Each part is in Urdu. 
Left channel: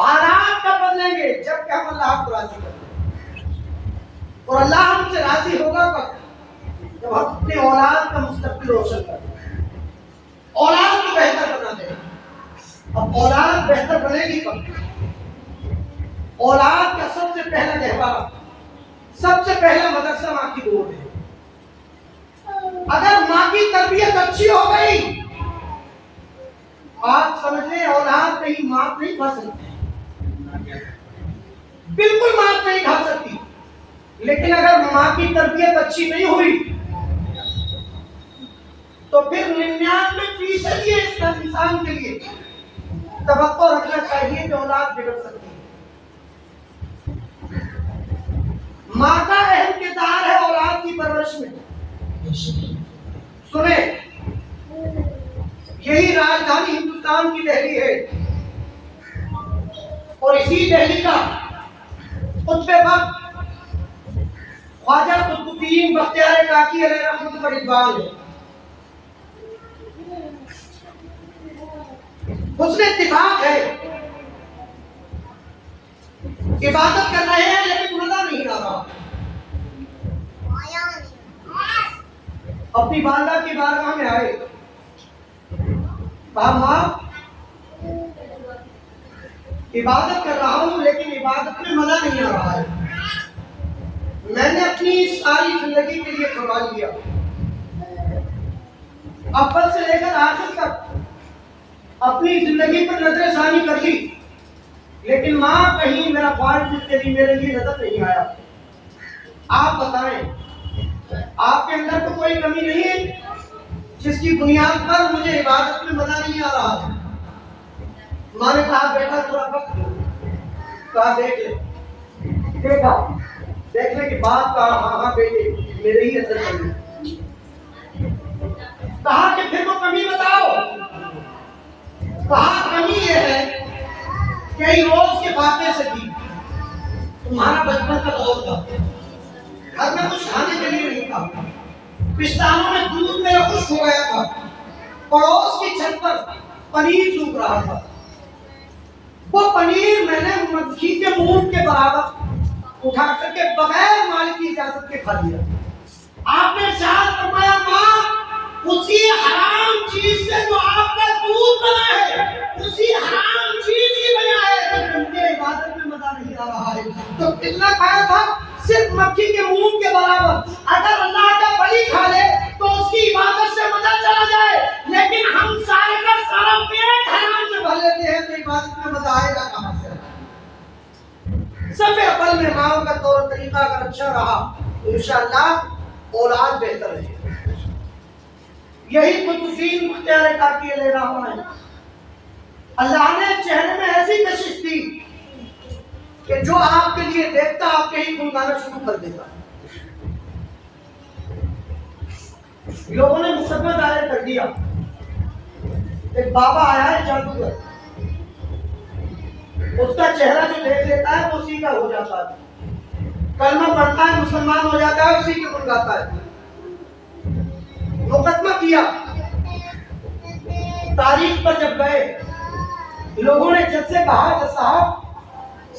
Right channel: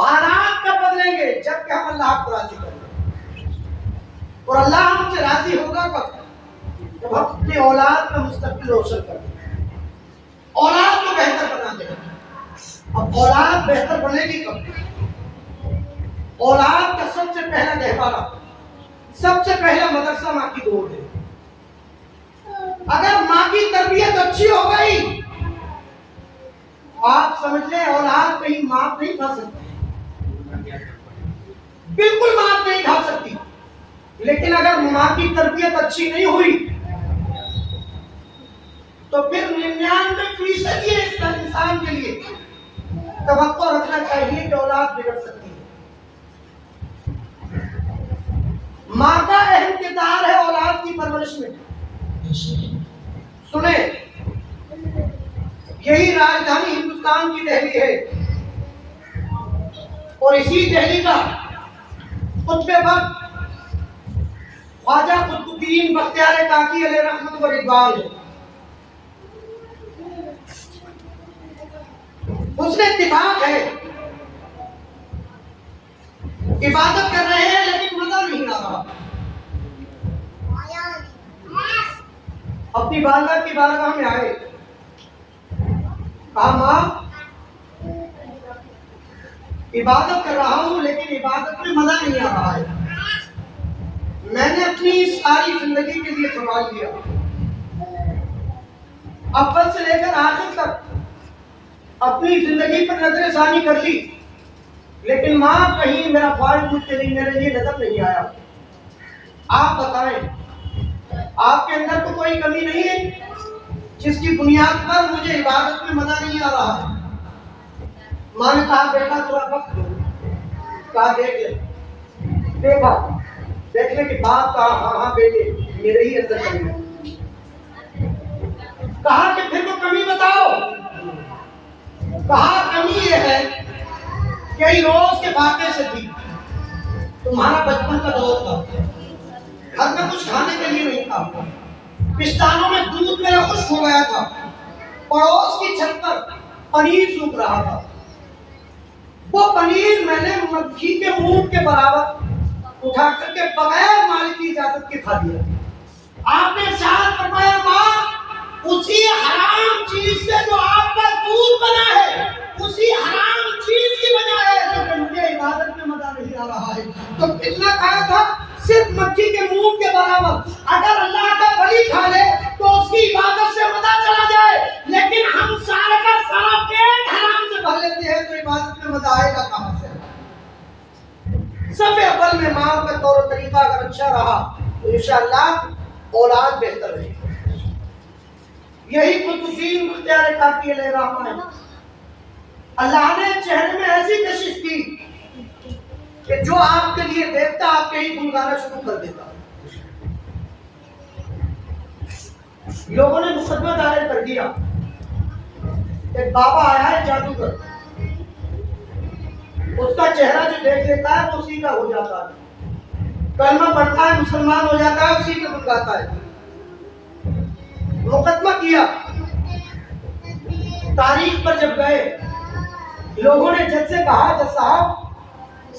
حالات کب بدلیں گے؟ جب کہ ہم اللہ کو راضی کریں گے. اور اللہ ہم سے راضی ہوگا کب؟ جب ہم اپنی اولاد کا مستقبل روشن کر دیں، اولاد کو بہتر بنا دیں. اب اولاد بہتر بنے گی کب؟ اولاد کا سب سے پہلا گہوارہ، سب سے پہلا مدرسہ ماں کی گود ہے. اگر ماں کی تربیت اچھی ہو گئی، آپ سمجھ لیں اولاد کہیں مات نہیں کھا سکتی، بالکل مات نہیں کھا سکتی. لیکن اگر ماں کی تربیت اچھی نہیں ہوئی تو پھر 99% یہ اس انسان کے لیے توقع رکھنا چاہیے کہ اولاد بگڑ سکتی ہے. ماں کا اہم کردار ہے اولاد کی پرورش میں. سنیں، یہی راجدھانی ہندوستان کی دہلی ہے، اور اسی دہلی کا قطب وقت خواجہ قطب الدین بختیار کاکی علیہ رحمت و رضوان ہے. حسن اتفاق ہے، عبادت کر رہے ہیں لیکن مزہ نہیں آ رہا. اپنی والدہ کی بارگاہ میں آئے، کہا ماں عبادت کر رہا ہوں لیکن عبادت میں مزہ نہیں آ رہا ہے. میں نے اپنی ساری زندگی کے لیے سوال لیا، اول سے لے کر آخر تک اپنی زندگی پر نظر ثانی کر لی، لیکن ماں کہیں میرا فالٹ مجھ کے لیے میرے لیے نظر نہیں آیا. آپ بتائیں آپ کے اندر تو کوئی کمی نہیں ہے جس کی بنیاد پر مجھے عبادت میں مزہ نہیں آ رہا؟ ماں نے کہا بیٹا تھوڑا وقت دو. کہا دیکھ لے، دیکھا دیکھ لے کہ بات کہا، ہاں ہاں بیٹے میرے ہی اثر کرنا. کہا کہ پھر تو کمی بتاؤ. کہا کمی یہ ہے کہ روز کے واقعے سے بھی تمہارا بچپن کا دور تھا، گھر میں کچھ کھانے کے لیے نہیں تھا، پشتانوں میں دودھ میرا خشک ہو گیا تھا، پڑوس کی چھت پر پنیر سوکھ رہا تھا، وہ پنیر میں نے مکھی کے منہ کے برابر اٹھا کر کے بغیر مالک کی اجازت کے کھا لیا. آپ نے ارشاد فرمایا ماں اسی حرام چیز سے جو آپ کا دودھ بنا ہے، اسی حرام چیز کی وجہ ہے کہ مجھے عبادت میں مزہ نہیں آ رہا ہے. تو کتنا کھایا تھا؟ صرف مکھی کے منہ کے برابر. اگر اللہ کا ولی کھا لے تو اس کی عبادت سے مزہ چلا جائے، لیکن ہم سارے کا سارا پیٹ حرام سے بھر لیتے ہیں تو عبادت میں مزہ آئے گا کہاں سے؟ سب اول میں ماں کا طور طریقہ اگر اچھا رہا تو انشاءاللہ اولاد بہتر رہے. یہی قطب الدین بختیار کاکی علیہ رحمہ ہے. اللہ نے چہرے میں ایسی کشش کی کہ جو آپ کے لیے دیکھتا آپ کے ہی گن گانا شروع کر دیتا. لوگوں نے مقدمہ دائر کر دیا، ایک بابا آیا ہے جادوگر، اس کا چہرہ جو دیکھ لیتا ہے وہ اسی کا ہو جاتا ہے، کلمہ پڑھتا ہے مسلمان ہو جاتا ہے، اسی کے گن گاتا ہے. مقدمہ کیا. تاریخ پر جب گئے لوگوں نے جج سے کہا جج صاحب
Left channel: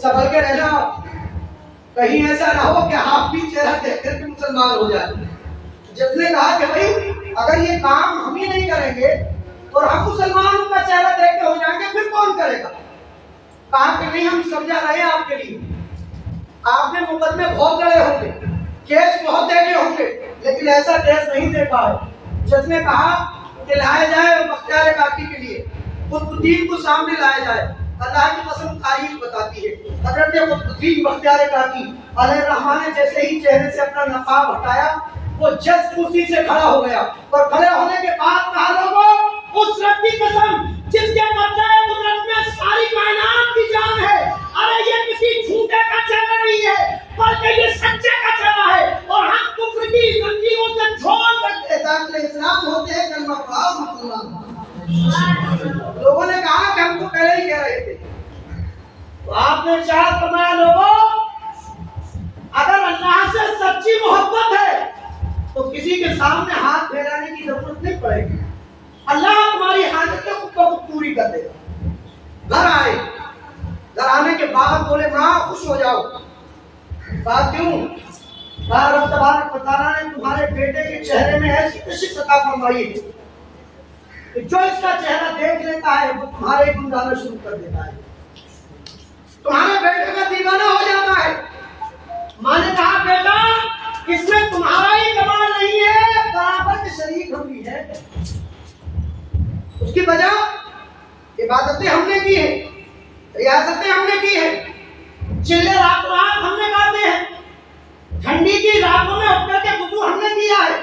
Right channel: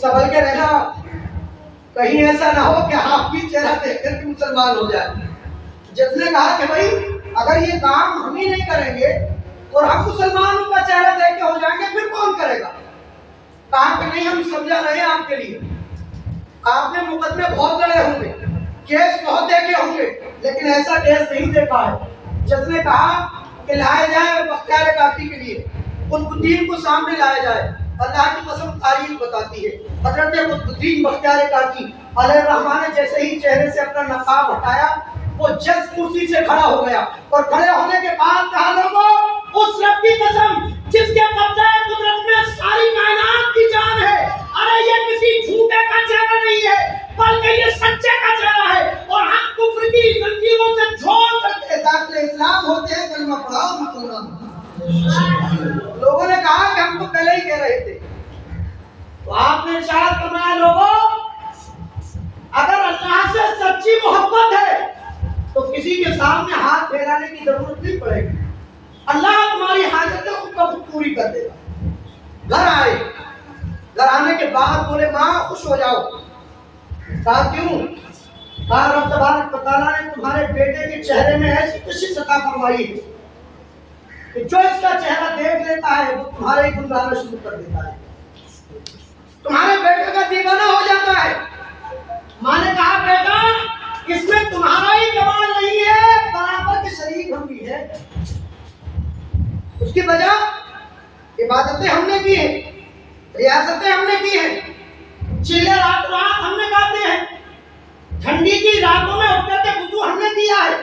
سنبھل کے رہنا، کہیں ایسا نہ ہو کہ آپ بھی چہرہ دیکھ کر کے مسلمان ہو جائے. جج نے کہا کہ بھائی اگر یہ کام ہم ہی نہیں کریں گے اور ہم مسلمانوں کا چہرہ دیکھ کے ہو جائیں گے پھر کون کرے گا؟ کہا کہ نہیں ہم سمجھا رہے ہیں آپ کے لیے، آپ نے مقدمے بہت لڑے ہوں گے، کیس بہت دیکھے ہوں گے، لیکن ایسا کیس نہیں دیکھا ہے. جج نے کہا کہ لایا جائے بختیار کاکی کے لیے، قطب الدین کو سامنے لایا جائے. اللہ کی قسم تاریخ بتاتی ہے حضرت قطب الدین بختیار کاکی علیہ الرحمہ نے جیسے ہی چہرے سے اپنا نقاب ہٹایا وہ جج کرسی سے کھڑا ہو گیا اور کھڑے ہونے کے بعد کہا لوگوں اس رب کی قسم جس کے قبضہ قدرت میں ساری کائنات کی جان ہے، ارے یہ کسی جھوٹے کا چہرہ نہیں ہے بلکہ یہ سچے کا چہرہ ہے، اور ہم کفر کی زنجیروں سے چھوڑ سکتے داخل اسلام ہوتے ہیں کلمہ پڑھاؤ مسلمان. لوگوں نے کہا کہ ہم تو پہلے ہی کہہ رہے تھے. تو آپ نے ارشاد فرمایا لوگوں اگر اللہ سے سچی محبت ہے تو کسی کے سامنے ہاتھ پھیلانے کی ضرورت نہیں پڑے گی، اللہ تمہاری حاجتیں خود بخود پوری کر دے گا. گھر آئے، گھر آنے کے بعد بولے ماں خوش ہو جاؤ. کہا کیوں؟ کہا رب تبارک و تعالیٰ نے تمہارے بیٹے کے چہرے میں ایسی کشش عطا فرمائی ہے کہ جو اس کا چہرہ دیکھ لیتا ہے وہ تمہارے گنگانا شروع کر دیتا ہے, تمہارے بیٹے کا دیوانہ ہو جاتا ہے. ماں نے کہا بیٹا اس میں تمہارا ہی کمال نہیں ہے, برابر کے شریک ہم بھی ہیں. اس کی وجہ عبادتیں ہم نے کی ہیں, ریاستیں ہم نے کی ہیں, چلے رات رات ہم نے گاتے ہیں, ٹھنڈی کی راتوں میں اٹھ کر کے وضو ہم نے کیا ہے,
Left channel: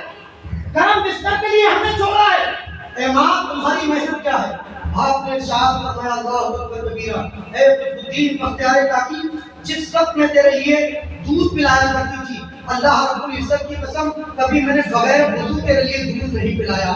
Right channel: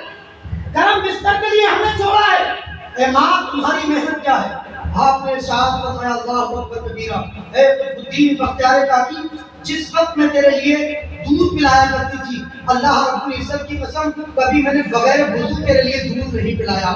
گرم بستر کے لیے ہم نے چھوڑا ہے. اے ماں تمہاری محنت کیا ہے؟ آپ نے ارشاد فرمایا اللہ اکبر کبیرہ, اے الدین بختیار کاکی جس وقت میں تیرے لیے دودھ پلایا کرتی تھی اللہ رب العزت کی قسم کبھی میں نے بغیر وضو تیرے لیے دودھ نہیں پلایا.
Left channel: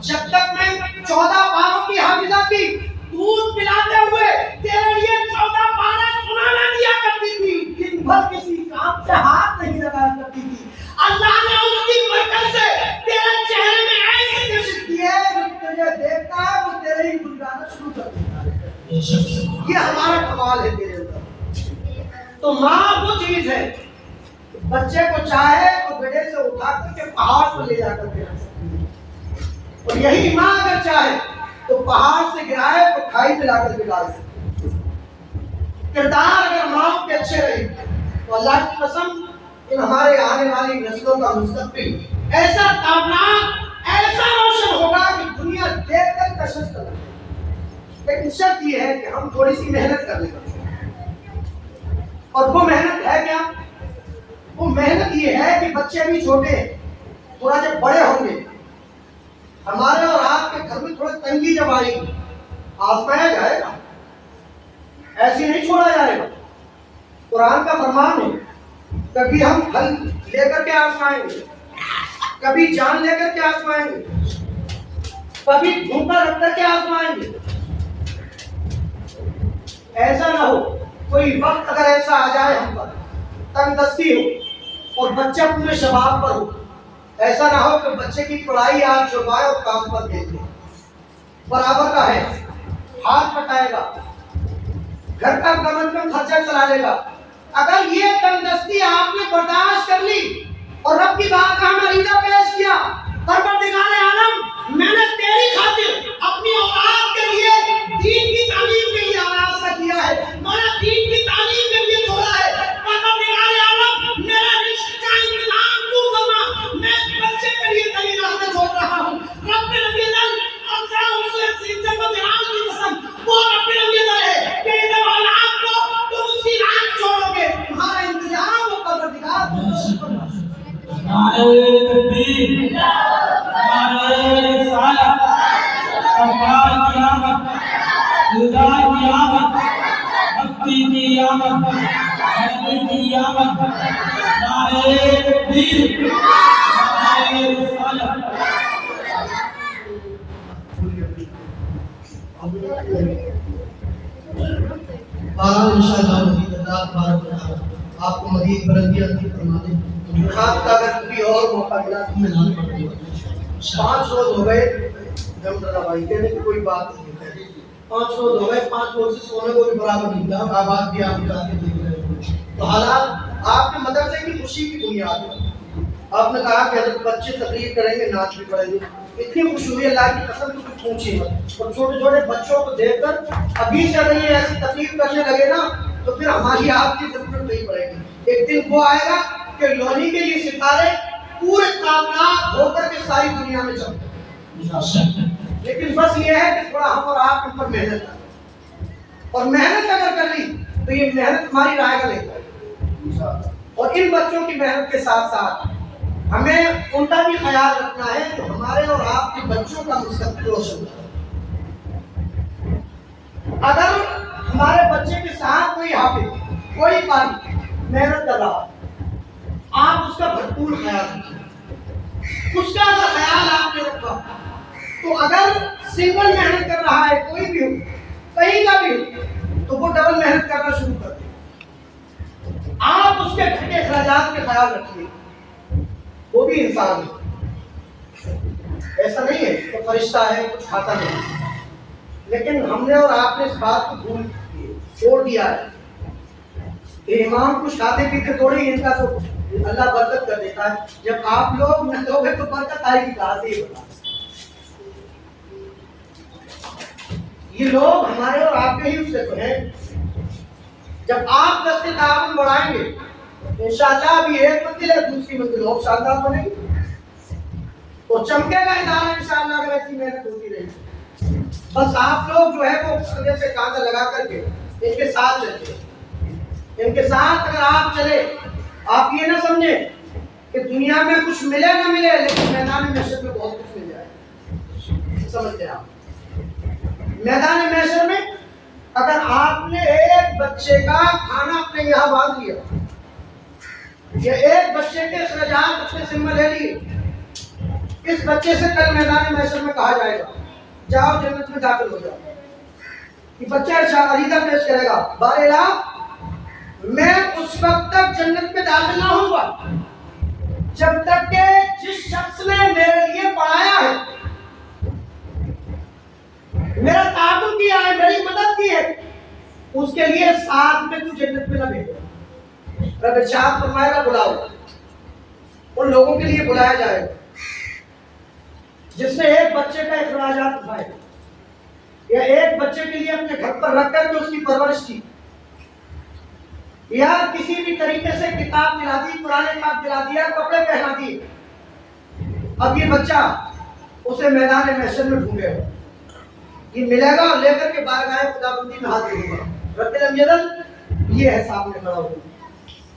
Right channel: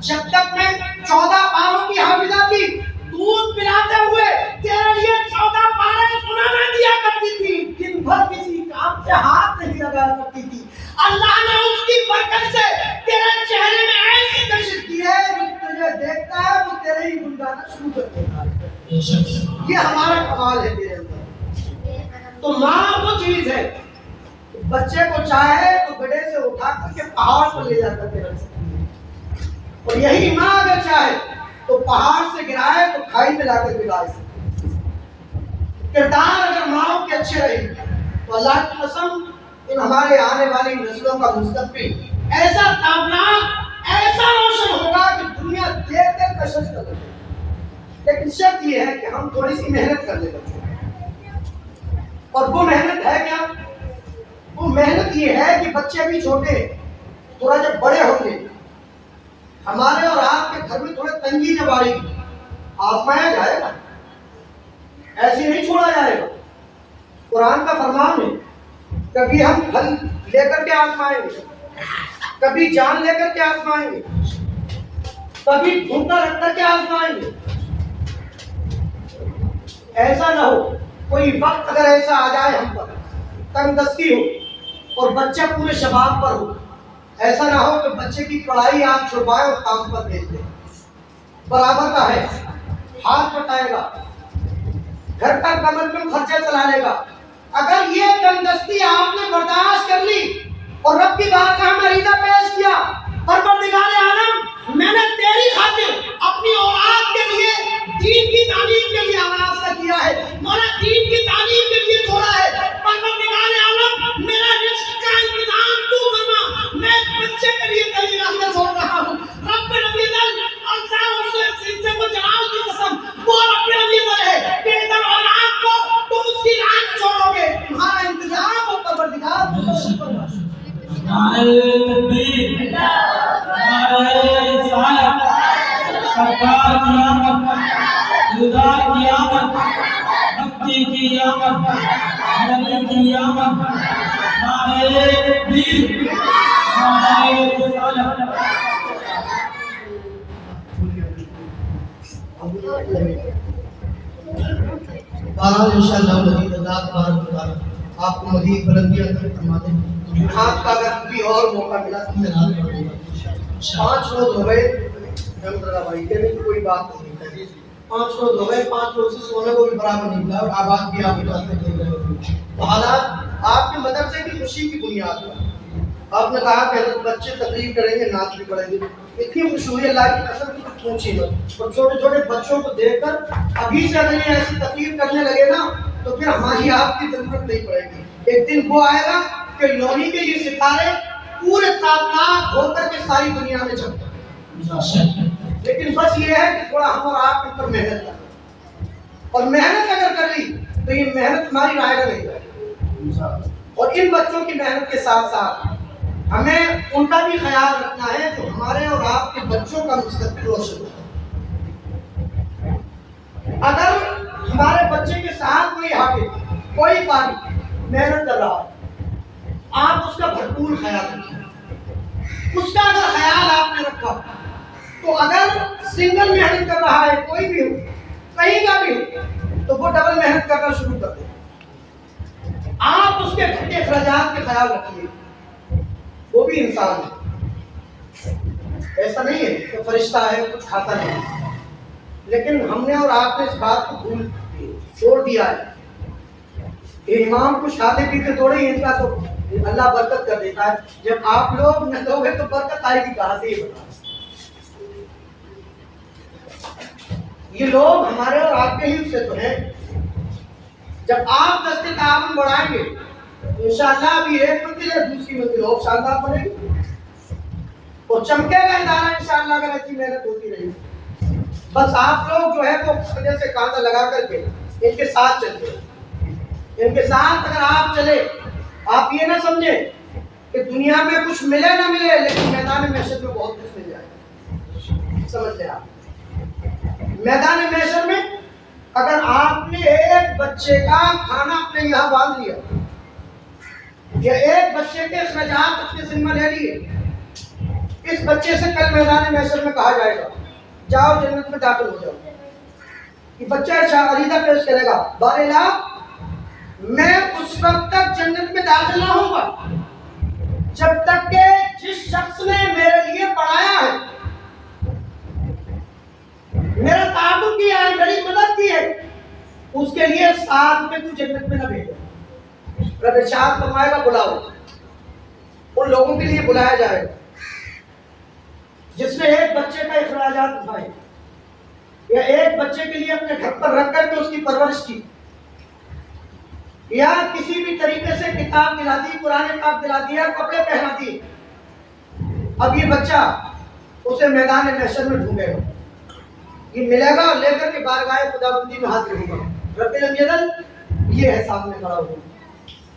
جب تک میں 14 پاروں کی حافظہ تھی دودھ پلاتے ہوئے تیرے لیے 14 پارے سنانا دیا کرتی تھی, دن بھر کسی کام سے ہاتھ نہیں لگایا کرتی تھی. اللہ نے اس کی برکت سے تیرے چہرے میں ایسی کشش دی ہے جو تجھے دیکھتا ہے وہ تیرے ہی گنگانا شروع کر دیتا ہے. یہ ہمارا کمال ہے تیرے اندر. تو ماں وہ چیز ہے بچے کو چاہے تو گڑھے سے اٹھا کر کے پہاڑ پر لے جا کر کے رکھ سکتی ہے, اور یہی ماں اگر چاہے تو پہاڑ سے گرائے تو کھائی میں لا کر کے ڈال سکتی ہے. کردار اگر ماں کے اچھے رہے تو اللہ کی قسم ان ہمارے آنے والی نسلوں کا مستقبل ایسا تابناک ایسا روشن ہوگا کہ دنیا دیکھ کر کشش کر لگے. لیکن شرط یہ ہے کہ ہم تھوڑی سی محنت کر لیں بچوں, اور وہ محنت ہے کیا؟ وہ محنت یہ ہے کہ بچے بھی چھوٹے ہیں, تھوڑا جب بڑے ہوں گے ہمارے اور آپ کے گھر میں تھوڑا تنگی جب آئے گی آزمایا جائے گا, ایسے نہیں چھوڑا جائے گا. قرآن کا فرمان ہے کبھی ہم پھل لے کر کے آزمائیں گے, کبھی جان لے کر کے آزمائیں گے, کبھی ڈھونڈا رکھ کر کے آزمائیں گے. ایسا نہ ہو کوئی وقت اگر ایسا آ جائے ہم پر تنگ دستی ہو اور بچہ پورے شباب پر ہو, ایسا نہ ہو کہ بچے کی پڑھائی آج چھڑوائے اور کام پر بھیج دے. برابر کا ہے, ہاتھ پٹائے گا, گھر کا کم از کم خرچہ چلا لے گا. اگر یہ تنگ دستی آپ نے برداشت کر لی اور رب کی بارگاہ میں عریضہ پیش کیا پروردگار عالم میں نے تیری خاطر اپنی اولاد کے لیے دین کی تعلیم کے لیے راستہ کیا ہے, مولا دین کی تعلیم کے لیے چھوڑا ہے, پروردگار عالم میرا رزق کا انتظام تو کرنا, میں اس بچے کے لیے تیری راہ میں چھوڑ رہا ہوں. رب نبی دل اور سے کو جلال کی قسم وہ رب نبی دل ہے کہ ادھر اولاد کو تم اس کی راہ چھوڑو گے, تمہارا انتظام وہ پروردگار نعرہ تکبیر, نعرہ رسالت, سرکار کی آمد, دلدار کی آمد, بھکتی کی آمد, نبی کی آمد. نعرہ تکبیر, نعرہ رسالت. بہرحال انشاءاللہ مزید اللہ تبارک و تعالی آپ کو مزید بلندیاں عطا فرما دے. آپ کا اگر کوئی اور موقع ملا تو میں نام پڑھ دوں گا. 5 روز ہو گئے احمد اللہ بھائی کہنے کی کوئی بات نہیں ہے, 5 روز ہو گئے, 5 روز سے سونے کو بھی برابر نہیں ملا, اور آباد بھی آپ کے دیکھ رہے ہو. تو حالات آپ کے مدرسے کی خوشی کی بنیاد ہے. آپ نے کہا کہ بچے تقریر کریں گے, نعت بھی پڑھیں گے, اتنی خوشی ہوئی اللہ کی قسم تو کچھ پوچھیے مت. اور چھوٹے چھوٹے بچوں کو دیکھ کر ابھی سے اگر یہ ایسی تقریر کرنے لگے نا تو پھر ہماری آپ کی ضرورت نہیں پڑے گی. ایک دن وہ آئے گا کہ لونی کے یہ ستارے پورے تابناک ہو کر کے ساری دنیا میں چمکیں. لیکن بس یہ ہے کہ تھوڑا ہم اور آپ کے اوپر محنت کریں, اور محنت اگر کر لی تو یہ محنت ہماری رائے گا نہیں کرے. اور ان بچوں کی محنت کے ساتھ ساتھ ہمیں ان کا بھی خیال رکھنا ہے تو ہمارے اور آپ کے بچوں کا مستقبل روشن ہو. اگر ہمارے بچے کے ساتھ کوئی حافظ کوئی قاری محنت کر رہا آپ اس کا بھرپور خیال رکھیں. اس کا اگر خیال آپ نے رکھا تو اگر سنگل محنت کر رہا ہے کوئی بھی ہو کہیں کا بھی ہو تو وہ ڈبل محنت کرنا شروع کر دے. آپ اس کے گھر کے اخراجات کے خیال رکھیے, وہ بھی انسان ہے, ایسا نہیں ہے کہ فرشتہ ہے کچھ کھاتا نہیں. لیکن ہم نے اور آپ نے اس بات کو بھول دی. چھوڑ دیا ہے. امام کو کھاتے پیتے تھوڑی ان کا تو اللہ برکت کر دیتا ہے. جب آپ لوگ نہ دو گے تو برکت آئے گی کہاں سے یہ بتا. یہ لوگ ہمارے اور آپ کے ہی سے تو ہیں. جب آپ دستے تعاون بڑھائیں گے انشاءاللہ ابھی ایک منزل ہے دوسری منزل اور شاندار بنے گی اور چمکے گا ادارہ انشاءاللہ اگر ایسی محنت ہوتی رہی. بس آپ لوگ جو ہے وہ کندھے سے کاندھا لگا کر کے ان کے ساتھ چلتے ہیں. ان کے ساتھ اگر آپ چلے آپ یہ نہ سمجھیں کہ دنیا میں کچھ ملے نہ ملے لیکن میدان محشر میں بہت کچھ مل جائے. سمجھ لیں آپ میدان محشر میں اگر آپ نے ایک بچے کا کھانا اپنے یہاں باندھ لیا یا ایک بچے کے اخراجات اپنے ذمہ لے لیے اس بچے سے کل میدان محشر میں کہا جائے گا جاؤ جنت میں داخل ہو جاؤ. یہ بچہ عقیدہ پیش کرے گا بار الہ میں اس وقت تک جنت میں داخل نہ ہوں گا جب تک کہ جس شخص نے میرے لیے پڑھایا ہے میرا تعاون کیا ہے میری مدد کی ہے اس کے لیے ساتھ میں تو جنت میں نہ بھیجو. رب ارشاد فرمائے گا بلاؤ. ان لوگوں کے لیے بلایا جائے گا جس نے ایک بچے کا اخراجات اٹھائے یا ایک بچے کے لیے اپنے گھر پر رکھ کر کے اس کی پرورش کی یا کسی بھی طریقے سے کتاب دلا دی قرآن پاک دلا دیا کپڑے پہنا دیے. اب یہ بچہ اسے میدان محشر میں ڈھونڈے گا یہ ملے گا لے کر کے بارگاہ خداوندی میں حاضر ہوگا. رب الجلال یہ ہے سامنے کھڑا ہوگا.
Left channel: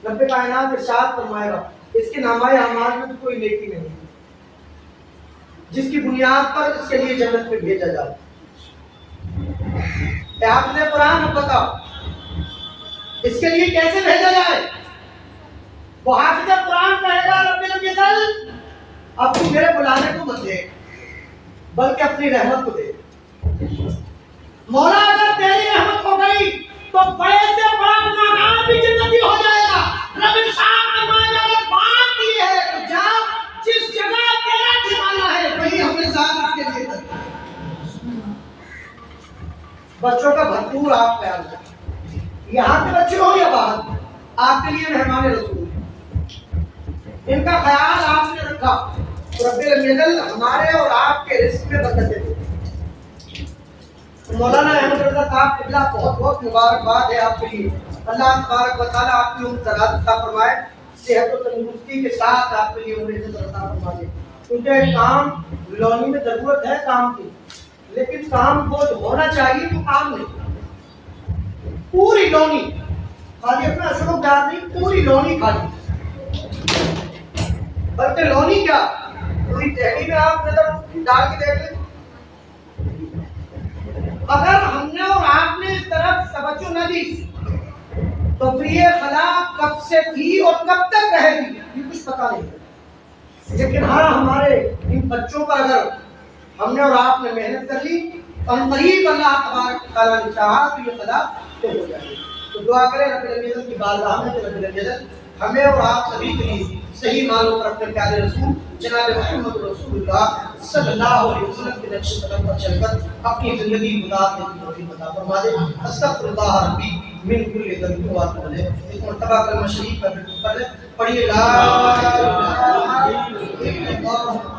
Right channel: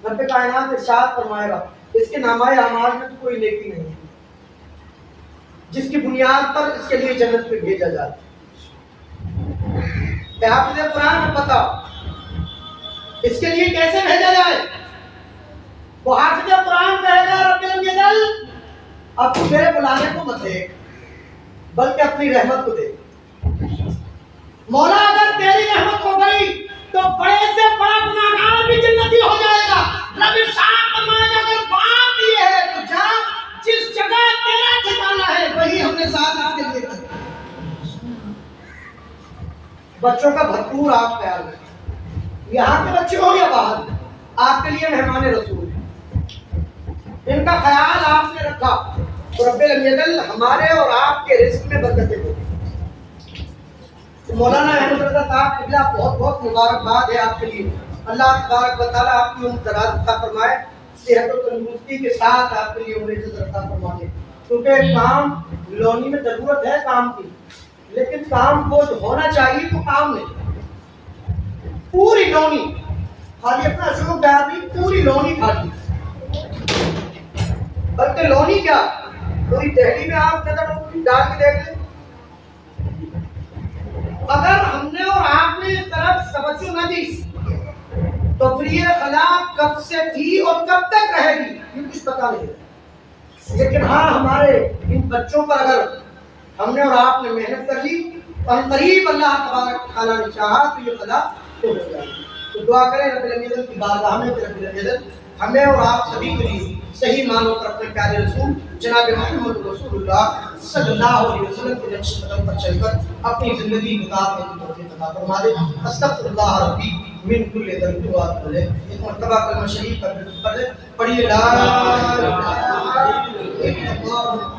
رب کائنات ارشاد فرمائے گا اس کے نامۂ اعمال میں تو کوئی نیکی نہیں ہے جس کی بنیاد پر اس کے لیے جنت میں بھیجا جائے. حافظ قرآن بتاؤ اس کے لیے کیسے بھیجا جائے. وہ حافظ قرآن کہے گا رب الجلال اب تو میرے بلانے کو مت دے بلکہ اپنی رحمت کو دے. مولا اگر تیری رحمت ہو گئی تو بڑے سے بڑا گناہگار بھی جنتی ہو جائے گا. رب ارشاد فرمائے گا اگر بات یہ ہے تو جا جس جگہ تیرا ٹھکانہ ہے وہی اپنے ساتھ اس کے لیے کر. بچوں کا بھرپور آپ خیال رکھیں یہاں کے بچے ہو یا باہر آپ کے لیے مہمان رسول ہیں ان کا خیال آپ نے رکھا تو رب الجلال ہمارے اور آپ کے رزق میں برکتیں دے. مولانا احمد رضا صاحب قبلہ بہت بہت مبارکباد ہے آپ کے لیے. اللہ تبارک و تعالیٰ آپ کی عمر دراز عطا فرمائے صحت و تندرستی کے ساتھ آپ کے لیے عمر عزت عطا فرما دے. کیونکہ کام لونی میں ضرورت ہے کام کی لیکن کام وہ جو ہونا چاہیے تو کام نہیں پوری لونی خالی اپنا شروع بیار نہیں پوری لونی کھالی بلکہ لونی کیا پوری دہلی میں آپ نظر ڈال کے دیکھ لیں. اگر ہم نے اور آپ نے اس طرف توجہ نہ دی تو پھر یہ خلا کب سے تھی اور کب تک رہے گی یہ کچھ پتا نہیں. لیکن ہاں ہمارے ان بچوں پر اگر ہم نے اور آپ نے محنت کر لی اور قریب اللہ تبارک تعالیٰ نے چاہا تو یہ خلا تو ہو جائے گی. تو دعا کریں رب العزت کی بارگاہ میں کہ رب العزت ہمیں اور آپ سبھی کے لیے صحیح معنوں پر اپنے پیارے رسول جناب محمد رسول اللہ صلی اللہ علیہ وسلم کے نقش قدم پر چل کر اپنی زندگی گزارنے کی توفیق عطا فرما دے. استغفر اللہ ربی من کل ذنب واتوب الیہ. ایک مرتبہ کلمہ شریف پڑھ لیں. پڑھیے لا الہ الا اللہ